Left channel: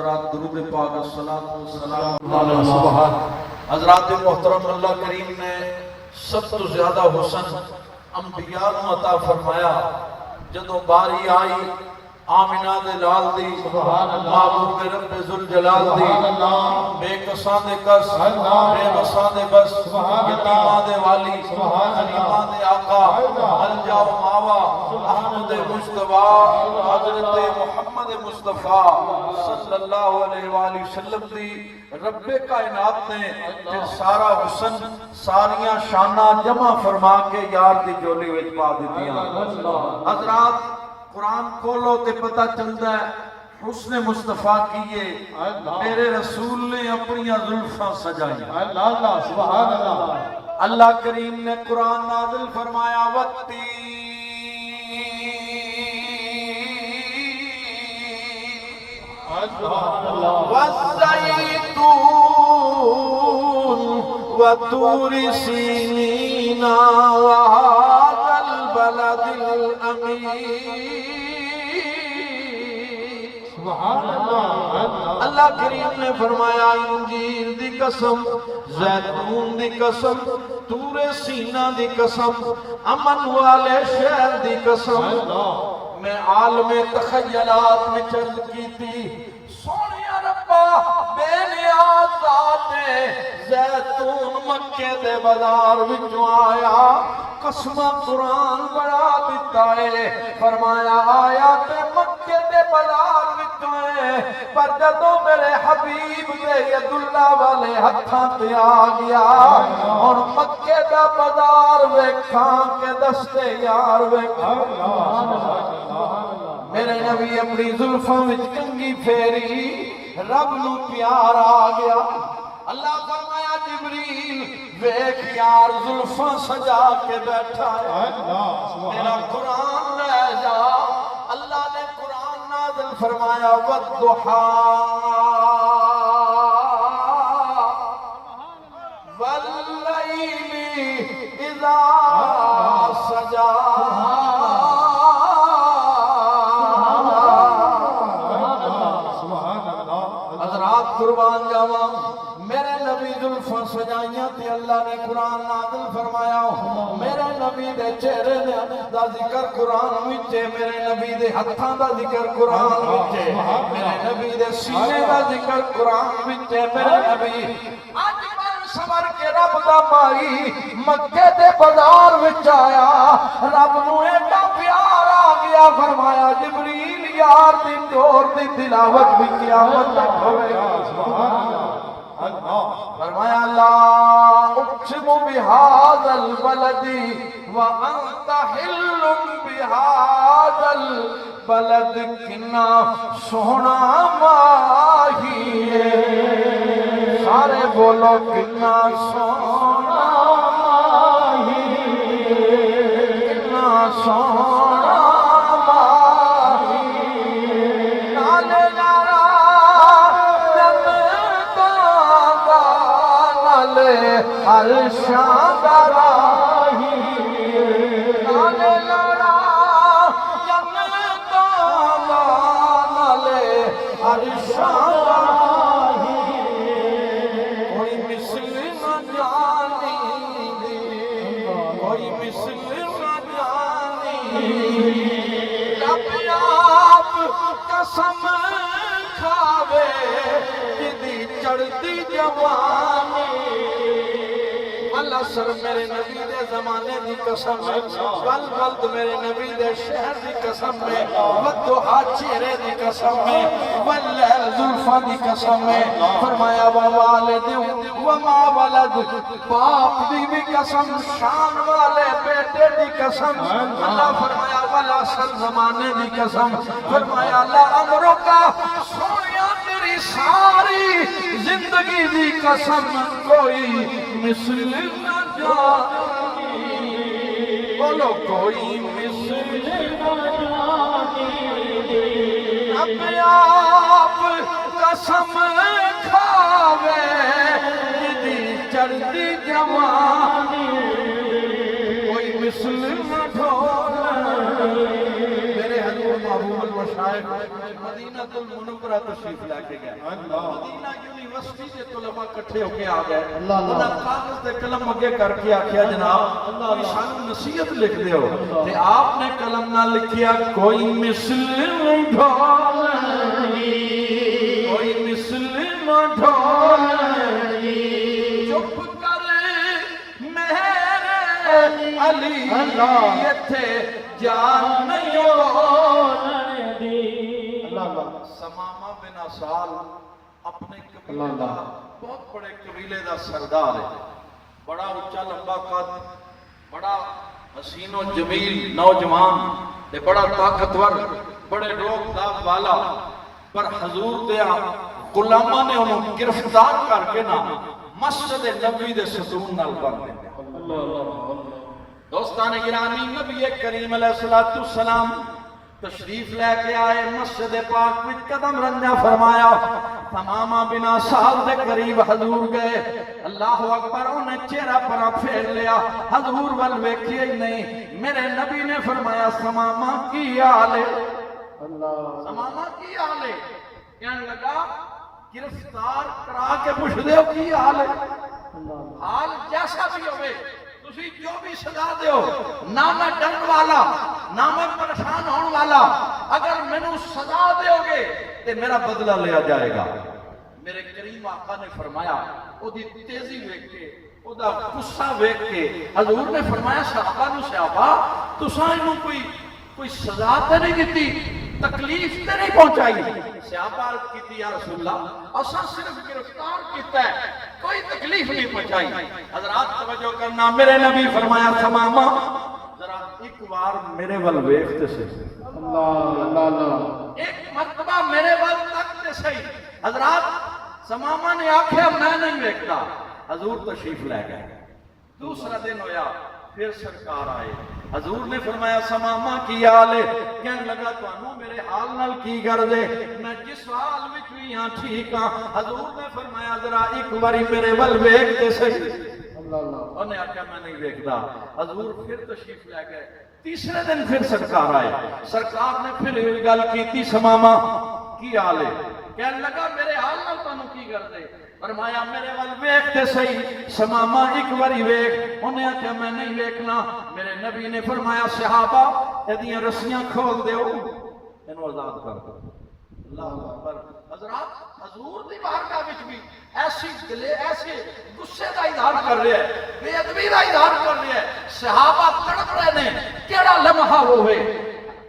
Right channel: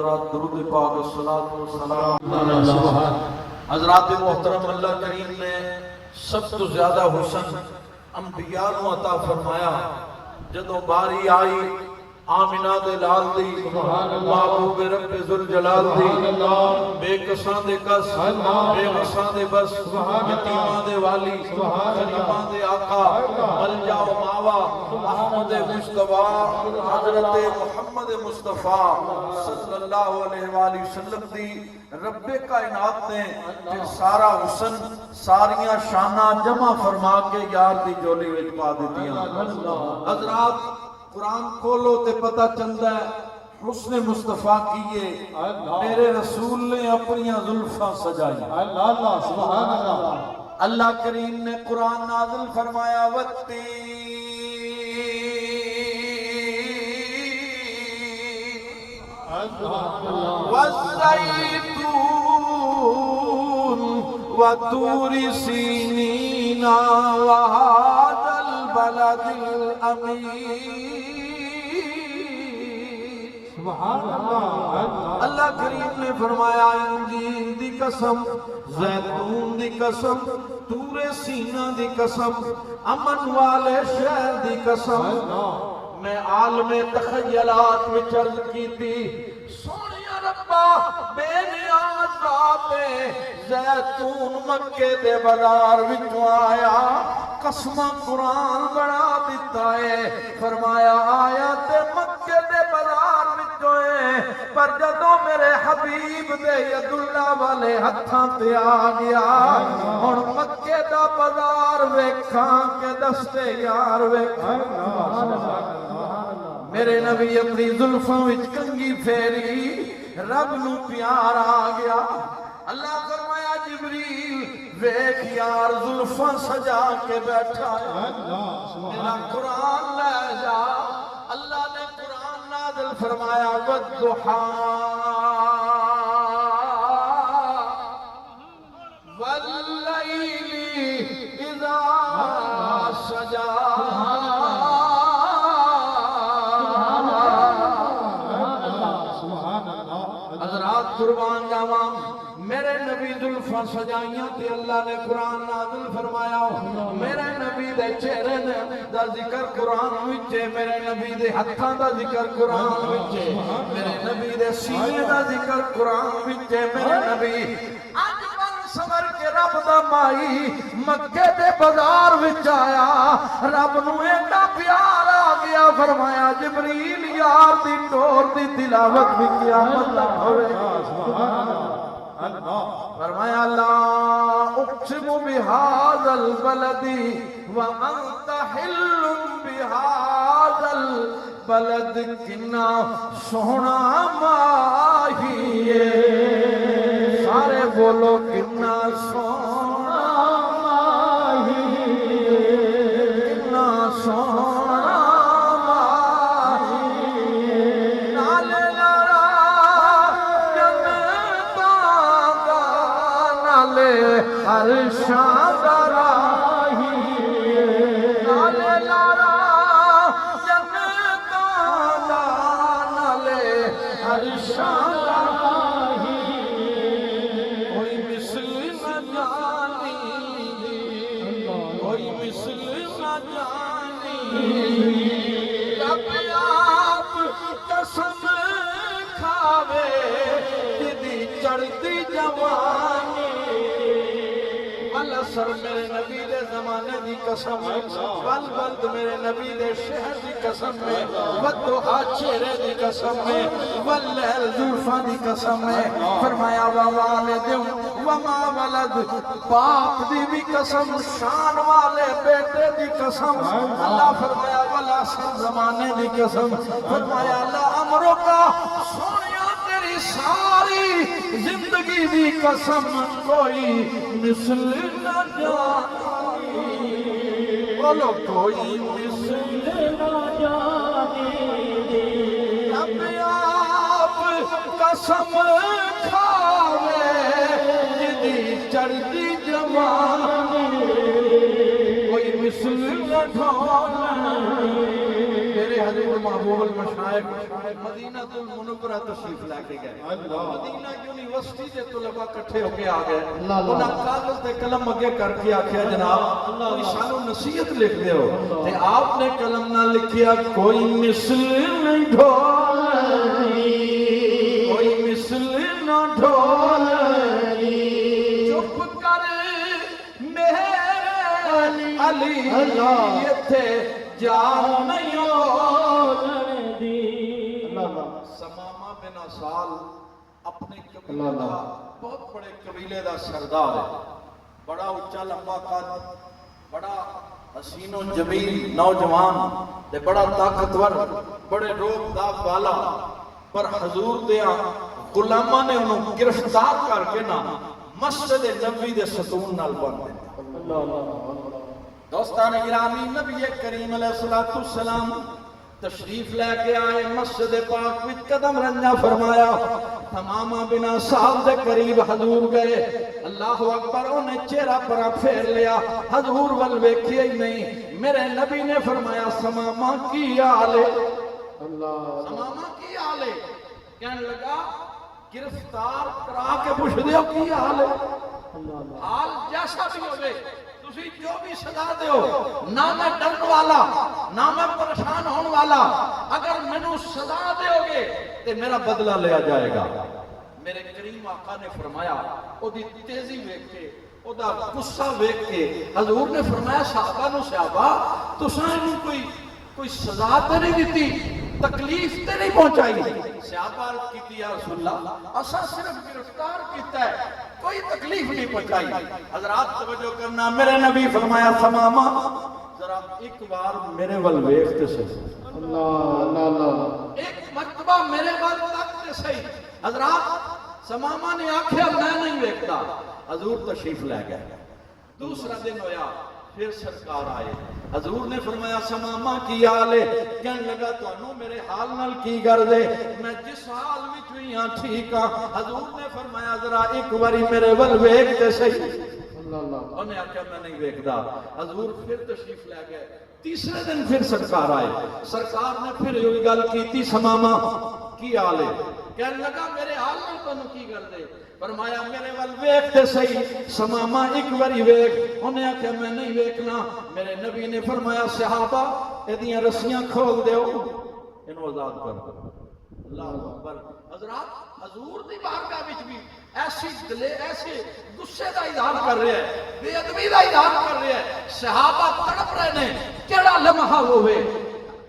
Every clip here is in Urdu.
حضرات درود پاک الصلاۃ والسلام علی سبحان حضرات محترم، اللہ کریم نے سب تو زیادہ حسن انبیاء نو عطا فرمایا۔ جدوں باری آئی آمینہ دے لال دی، محبوب رب ذوالجلال دی، بے کساں دے کس، بے وساں دے بس، یتیماں دے والی، غریباں دے آقا، ملجا و ماوا، احمد مصطفیٰ، حضرت محمد مصطفیٰ صلی اللہ علیہ وآلہ وسلم دی رب کائنات نے پھر سارا حسن ساریاں شانہ جمع فرما کے یار دی جولی وچ پا دیتیاں۔ حضرات قرآن کھولو تے پتہ چلتا ہے حسن مصطفیٰ کیے میرے رسول نے اپنی زلفاں سجائی۔ سبحان اللہ۔ اللہ کریم نے قرآن نازل فرمایا وقتی والزیتون وطور سینین وهذا البلد الامین۔ اللہ کریم نے فرمایا انجیل دی قسم، زیتون دی قسم، طور سینہ دی قسم، امن والے شہر دی قسم۔ میں عالم تخیلات وچ عرض کی تھی سونیا ربا بے نیاز ذات زیتون مکے دے بازار وچوں آیا، قسمہ قرآن بنا دیتا ہے، فرمایا آیا تے مکے دے بازار وچوں ہے، پر جدوں میرے حبیب دے یداللہ والے ہتھاں تے آ گیا، ہن مکے دا بازار ویکھاں کہ دستے یار ویکھاں۔ میرے نبی اپنی زلفاں وچ کنگھی پھیری، رب نو پیار آ گیا۔ اللہ فرمایا جبریل ویکھ یار زلفاں سجا کے بیٹھا ہے، میرا قرآن لے جا۔ اللہ نے قرآن نازل فرمایا والضحیٰ واللیل اذا سجا۔ قربان جاواں میرے نبی زلفاں سجائیاں تے اللہ نے قرآن نازل فرمایا، میرے نبی دے چہرے دا ذکر قرآن وچے، میرے نبی دے ہتھاں دا ذکر قرآن وچے، میرے نبی دے سینے دا ذکر قرآن وچے۔ میرے نبی اج بر سور کے رب دا مائی مکے دے بازار وچ آیا، رب نو ایڈا پیار آ گیا، فرمایا جبریل یار دی دور دی تلاوت بھی قیامت تک ہوئے گا۔ فرمایا لا اقسم بهذا البلد وانت حل بهذا البلد، کنا سونا ماہی ہے، سارے بولو کنا سونا ماہی ہے، کنا سونا ہر شاندار نالے لڑا جنتاں دا، نالے ہر شاندار کوئی مثل نہ جانی، کوئی مثل نہ جانی۔ رب آپ قسم کھاوے جدی چڑھتی جوانی، اللہ سر میرے نبی دے زمانے دی قسم ہے، ول ولد میرے نبی دے شہر دی قسم ہے، والضحیٰ چہرے دی قسم ہے، واللیل زلفاں دی قسم ہے، فرمایا ووالد وما ولد، باپ دی بھی قسم، شان والے بیٹے دی قسم، اللہ فرمایا ولا سر زمانے دی قسم، فرمایا لا امرکا سونیا تیری ساری زندگی دی قسم، کوئی مثل نہ جانی، بولو کوئی مثل نہ جانی۔ اپنے آپ قسم کھاوے جدی چڑھتی جوانی، کوئی مثل نہ ڈھولے۔ میرے حضور محبوب المشائخ مدینہ المنورہ تشریف لے کے گئے اللہ مدینہ یونیورسٹی کے طلباء کٹھے ہو کے آ گئے اللہ اللہ انہاں کاغذ تے قلم اگے کر کے آکھیا جناب کوئی سانو نصیحت لکھ دیو تے آپ نے قلم نہ لکھیا کوئی مثل ڈھولنی کوئی مثل نہ ڈھولنی چپ کر میرے علی ایتھے جان نہیں ہون دی اللہ سمامہ بن اسال اپنے قبیلے دا بہت بڑے قبیلے دا سردار ہے بڑا اونچا لمبا قد بڑا حسین و جمیل نوجوان تے بڑا طاقتور بڑے روب داغ والا پر حضور دیا غلاماں نے انہوں گرفتار کر کے نا مسجد نبوی دے ستون نال بن دیا دوستان گرامی نبی کریم علیہ السلام تشریف لے کے آئے مسجد پاک وچ قدم رنجا فرمایا تمامہ بنا سال دے قریب حضور گئے اللہ اکبر انہیں چہرہ پرا پھیر لیا حضور ول ویکھیا ہی نہیں میرے نبی نے فرمایا سمامہ کی حال ہے سمامہ کی حال ہے کہنے لگا گرفتار کرا کے پوچھ دیو کی حال ہے حال جیسا بھی ہوئے تسی جو بھی سزا دیو نہ میں ڈرن والا نہ میں پریشان ہون والا اگر مینوں سزا دیو گے تے میرا بدلہ لیا جائے گا میرے کریم آقا نے فرمایا او دی تیزی ویکھ کے او دا غصہ ویکھ کے حضور نے فرمایا صحابہ نو صحابہ تساں اینوں کوئی سزا تے نہیں دتی تکلیف تے نہیں پہنچائی صحابہ عرض کیتی یا رسول اللہ اساں صرف گرفتار کیتا ہے کوئی تکلیف نہیں پہنچائی حضرات توجہ کرنا میرے نبی فرمایا سمامہ ذرا ایک بار میرے ول ویکھتے سے اللہ ایک مرتبہ میرے ول تکتے صحیح حضرات سمامہ نے آکھیا میں نہیں ویکھتا حضور تشریف لے گئے دوسرا دن ہویا پھر سرکار آئے حضور نے فرمایا سمامہ کی حال ہے کہنے لگا تو میرے حال نال کی کر دے میں جس حال وچ بھی ہاں ٹھیک ہاں حضور نے فرمایا ذرا ایک باری میرے ول ویکھ کے صحیح انہیں آکھیا میں نہیں ویکھدا حضور پھر تشریف لے گئے تیسرے دن پھر سرکار آئے سرکار نے پھر یہ گل کیتی سمامہ کی حال ہے کہنے لگا میرے حال نال تانوں کی کر دے فرمایا میرے ول ویکھتے صحیح سمامہ ایک باری ویکھ انہیں آکھیا میں نہیں ویکھنا میرے نبی نے فرمایا صحابہ ایدیاں رسیاں کھول دیو انہوں آزاد کر دو اللہ اکبر حضرات حضور دی بارگاہ وچ بھی ایسے غصے دا اظہار کر رہے ہیں بے ادبی دا اظہار کر رہے ہیں صحابہ تڑپ رہے ہیں کیڑا لمحہ ہوئے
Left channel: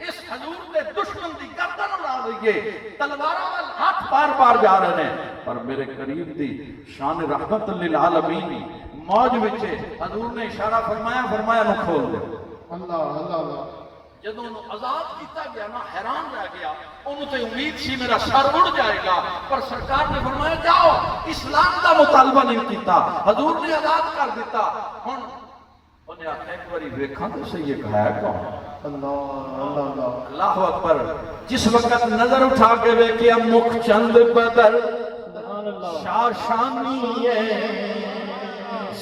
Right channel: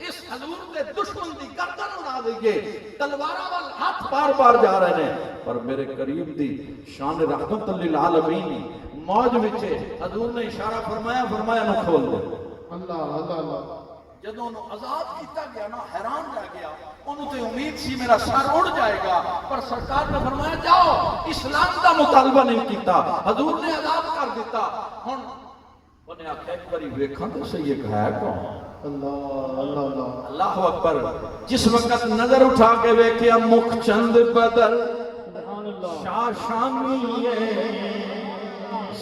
اس حضور دے دشمن دی گردن اڑا دئیے تلواراں وال ہاتھ بار بار جا رہے ہیں پر میرے قریب دی شان رحمت للعالمین موج وچ حضور نے اشارہ فرمایا نو کھول دے اللہ جدوں آزاد کیتا گیا نا حیران رہ گیا انہوں تے امید سی میرا سر اڑ جائے گا پر سرکار نے فرمایا جاؤ اسلام دا مطالبہ نہیں کیتا حضور نے آزاد کر دیتا ہن انہیں آخر ایک باری ویکھاں تو صحیح ایک ہے کون اللہ اکبر جس وقت نظر اٹھا کے ویکھیا مکھ چند بدر شاشانی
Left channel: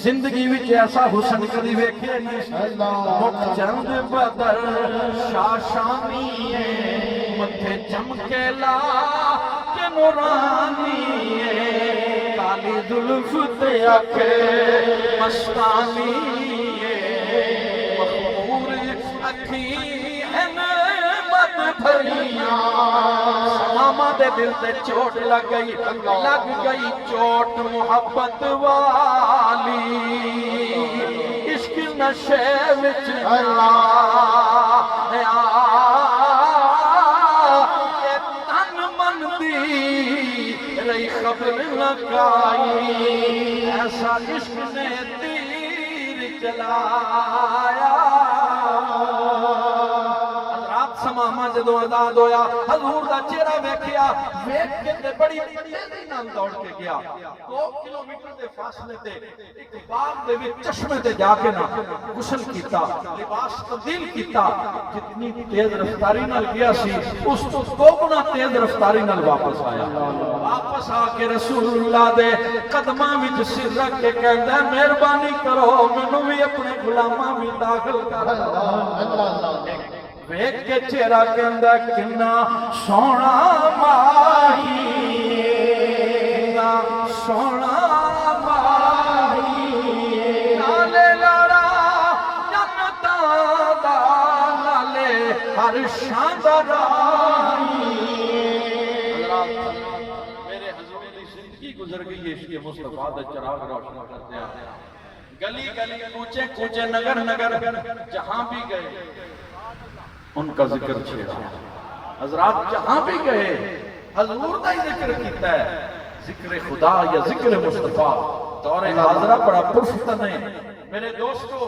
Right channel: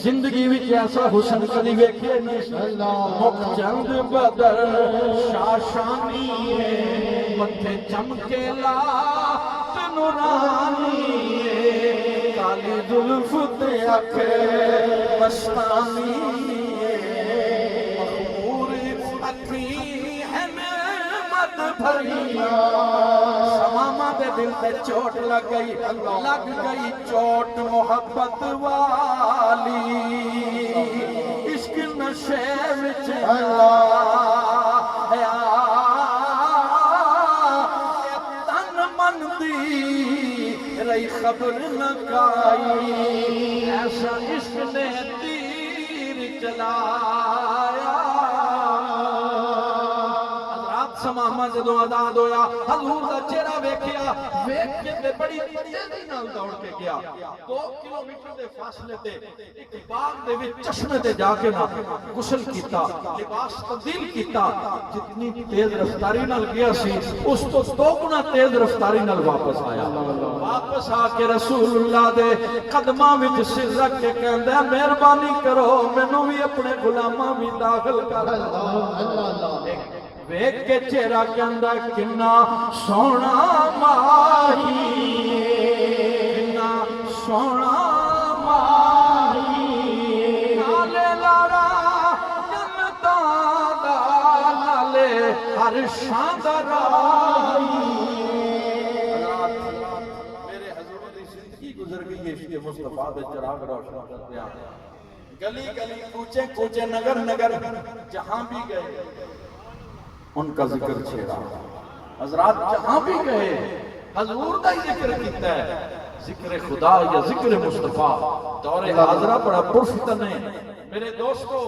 زندگی وچ ایسا حسن کدی ویکھے نہیں مکھ چند بدر شاشانی متھے چمکے لا تے نورانی کالی زلف تے اکھ مستانی سمامہ دے دل تے چوٹ لگ گئی چوٹ محبت والی عشق نشے وچ تن من دی رہی خبر لگائی ایسا عشق نے تیر چلایا سمامہ جدوں آزاد ہویا حضور دا چہرہ ویکھیا ویکھ کے تے بڑی تیزی نال دوڑ کے گیا 2 کلومیٹر دے فاصلے تے ایک باغ دے وچ چشمے تے جا کے نا غسل کیتا لباس تبدیل کیتا جتنی تیز رفتاری نال گیا سی اس تو 2 گنا تیز رفتاری نال واپس آیا واپس آ کے رسول اللہ دے قدماں وچ سر رکھ کے کہندا مہربانی کرو مینوں بھی اپنے غلاماں وچ داخل کر ویکھ کے چہرہ کہندا کنا سونا ماہی کنا سونا ماہی نالے لاڑا جنتاں دا نالے ہر شاندار میرے حضور دی زندگی گزر گئی ہے عشق مصطفیٰ دے چراغ روشن کرتے ہیں گلی گلی کوچے کوچے نگر نگر جہاں بھی گئے ان کا ذکر چھیڑا حضرات جہاں بھی گئے حضور کا ہی ذکر کیتا ہے ذکر خدا یا ذکر مصطفیٰ دور حاضرہ بڑا پرفتن ہے میرے دوستو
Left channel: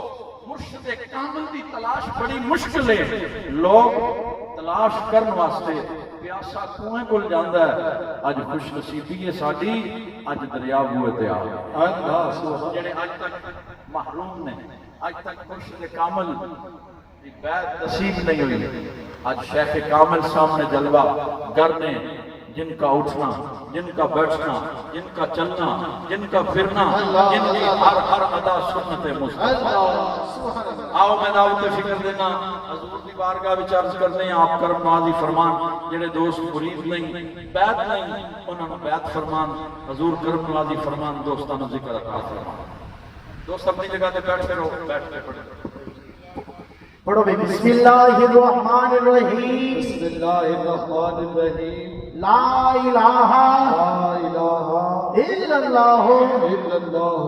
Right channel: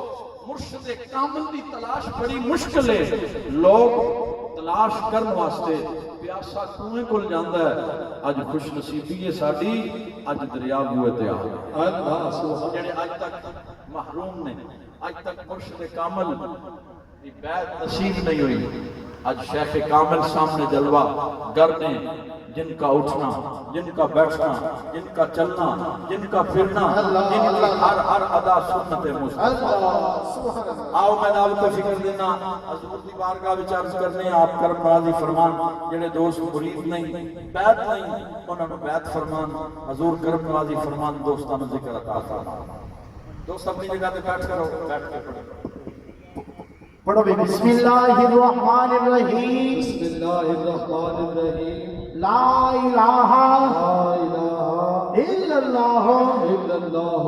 مرشد کامل دی تلاش بڑی مشکل ہے لوگ تلاش کرن واسطے پیاسا کنویں کول جاندا ہے اج خوش نصیبی ہے ساڈی اج دریا بوئے تے آ اللہ سبحان جڑے اج تک محروم نے اج تک مرشد کامل دی بیعت نصیب نہیں ہوئی آج شیخ کامل سامنے جلوہ گر میں جن کا اٹھنا جن کا بیٹھنا جن کا چلنا جن کا پھرنا جن کی ہر ادا سنت مصطفیٰ آؤ میں دعوت فکر دینا حضور دی بارگاہ وچ عرض کرنے ہیں آپ کرم نوازی فرمان جڑے دوست مرید نہیں بیعت نہیں انہوں نے بیعت فرمان حضور کرم نوازی فرمان دوستانو ذکر عطا فرمان دوست اپنی جگہ تے بیٹھ کرو بیٹھ کے پڑھو پڑھو بسم اللہ الرحمن الرحیم بسم اللہ الرحمن الرحیم لا الہ لا الہ الا اللہ الا اللہ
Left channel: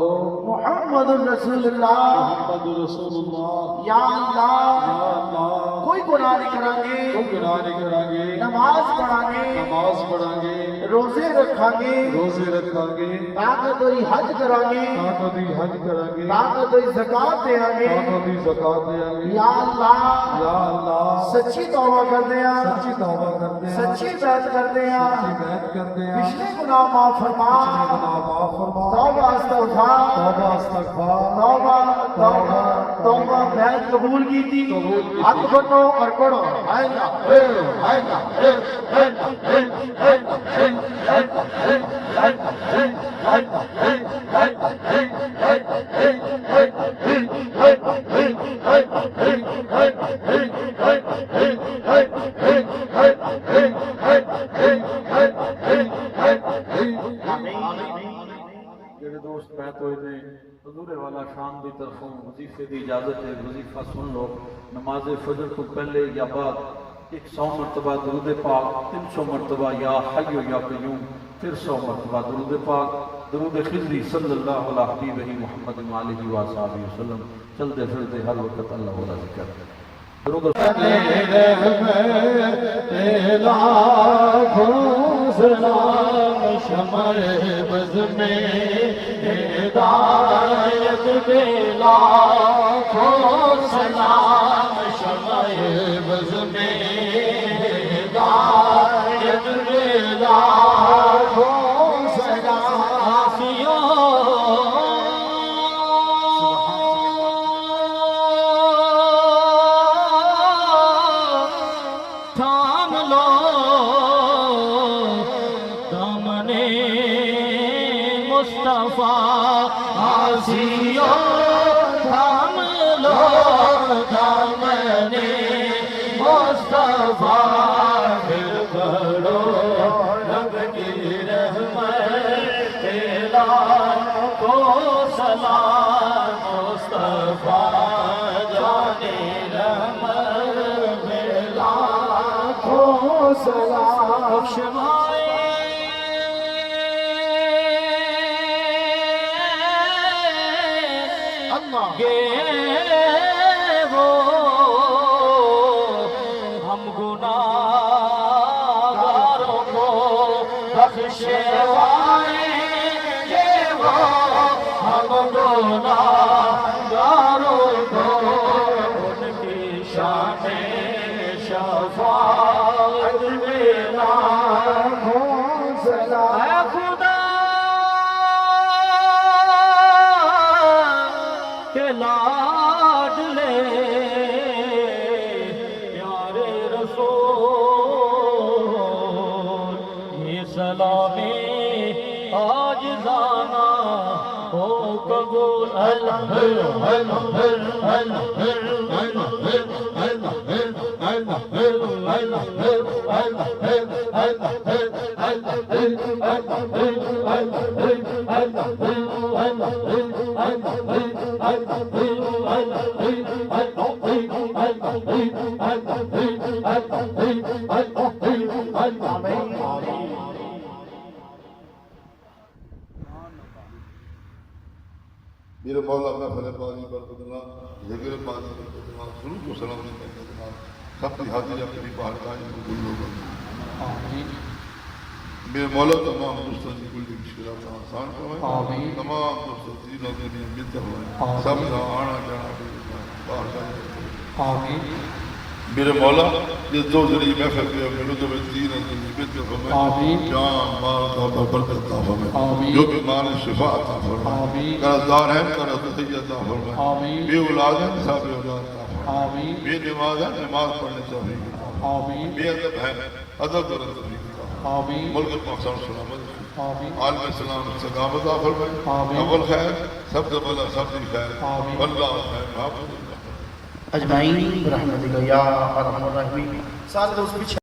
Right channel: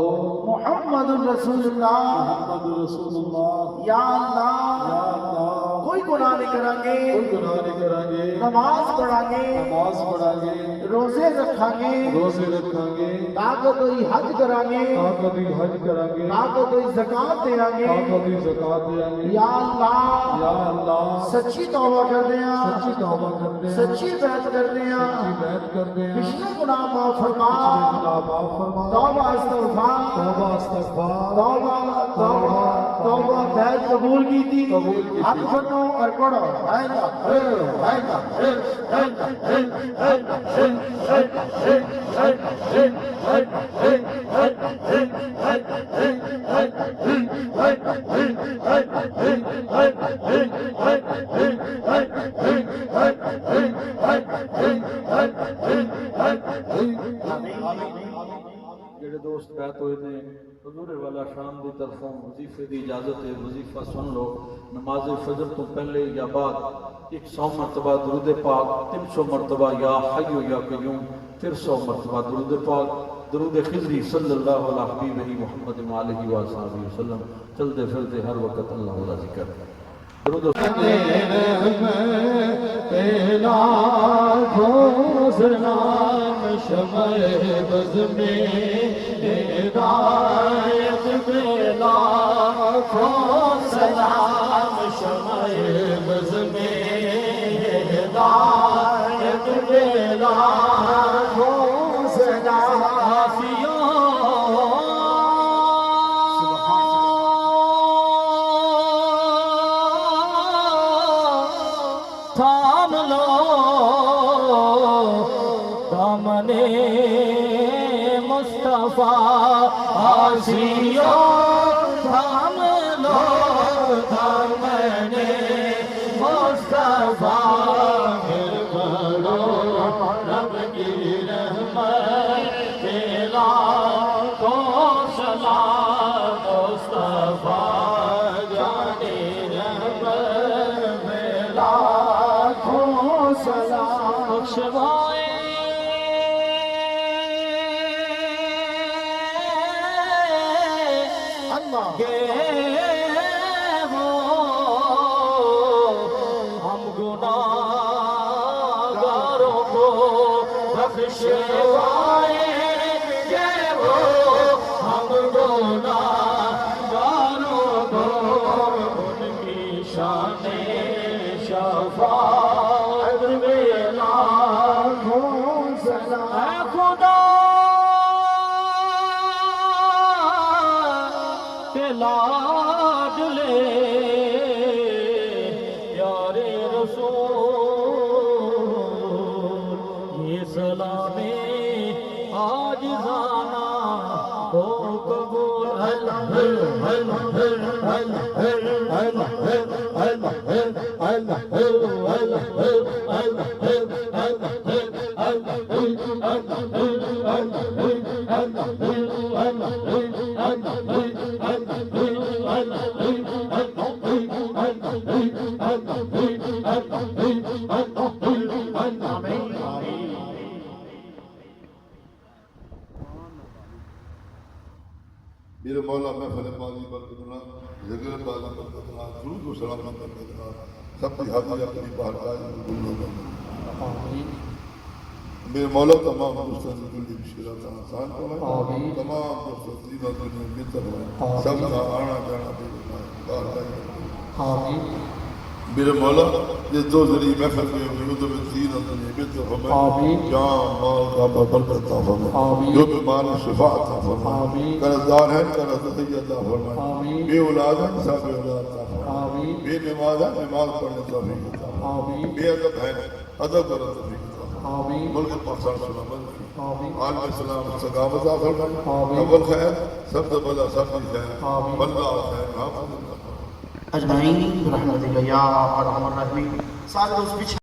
محمد رسول اللہ محمد رسول اللہ یا اللہ یا اللہ کوئی گناہ نہیں کریں گے کوئی گناہ نہیں کریں گے نماز پڑھیں گے نماز پڑھیں گے روزے رکھیں گے روزے رکھیں گے طاقت ہوئی حج کریں گے طاقت دی حج کریں گے طاقت ہوئی زکات دیں گے طاقت دی زکات دیں گے یا اللہ یا اللہ سچی توبہ کر دیا سچی توبہ کرتے ہیں سچی بیعت کر دیا سچی بیعت کرتے ہیں پچھلے گناہ معاف فرما گناہ معاف فرما توبہ استغفار توبہ استغفار توبہ توبہ توبہ بیعت قبول کی تھی قبول کی تھی۔ ہاتھ بنو اور پڑھو جڑے دوست بیعت ہوئے نے حضور والا شان دی طرفوں وظیفے دی اجازت ہے وظیفہ سن لو نماز فجر تو پہلے یا بعد 100 مرتبہ درود پاک 300 مرتبہ یا حی یا قیوم پھر 100 مرتبہ درود پاک درود خضری صلی اللہ علیہ حبیبہ محمد علیہ وآلہ وسلم چلتے پھرتے ہر وقت اللہ کا ذکر درود سلام شمع بز میں ہدایت دے لاکھوں سلام شمع بز میں ہدایت دے لاکھوں سلام تھام لو دامنے مصطفیٰ آسیو تھام لو دامنے مصطفیٰ پھر بڑھو رب کی رحمت لاکھوں سلام مصطفیٰ جانے رحمت لاکھوں سلام بخشوائے گے وہ ہم گناہگاروں کو بخشوائے گے وہ ہم گناہگاروں کو ان کی شان شفاعت میں لاکھوں سلام اے خدا کے لاڈلے پیارے رسول یہ سلامی آج زانا ہو قبول میرے مولا محفل باری برکت اللہ ذکر باری برکت اللہ درود و سلام برکت اللہ سب کی حاضری اپنی بارگاہ میں قبول فرمائے میرے مولا تمام مستضی کل مشکلات کا آسان فرمائے تمام مستضی نظر کی امید فرمائے سب کا آنا جانا بارگاہ میں آمین میرے مولا یہ دو ذریعے محفل کے ملودوں میں دین اندر نبیت کا فرمائے جان مال کا برکت عطا فرمائے جو بیمار ہے شفا عطا فرمائے قرضدار ہے قرض عطا فرمائے بے اولاد ہے صاحب اولاد عطا فرمائے بے نماز ہے نماز پڑھنے توفیق عطا بے ادب ہے ادب اور توفیق عطا ملک پاکستان سلامت عالم اسلام استقامت عطا فرمائے اول خیر سب سے بڑا سب کی خیر اللہ خیر حافظ اجمعین برحمتک یا ارحم الراحمین. سارے دوست پیچھے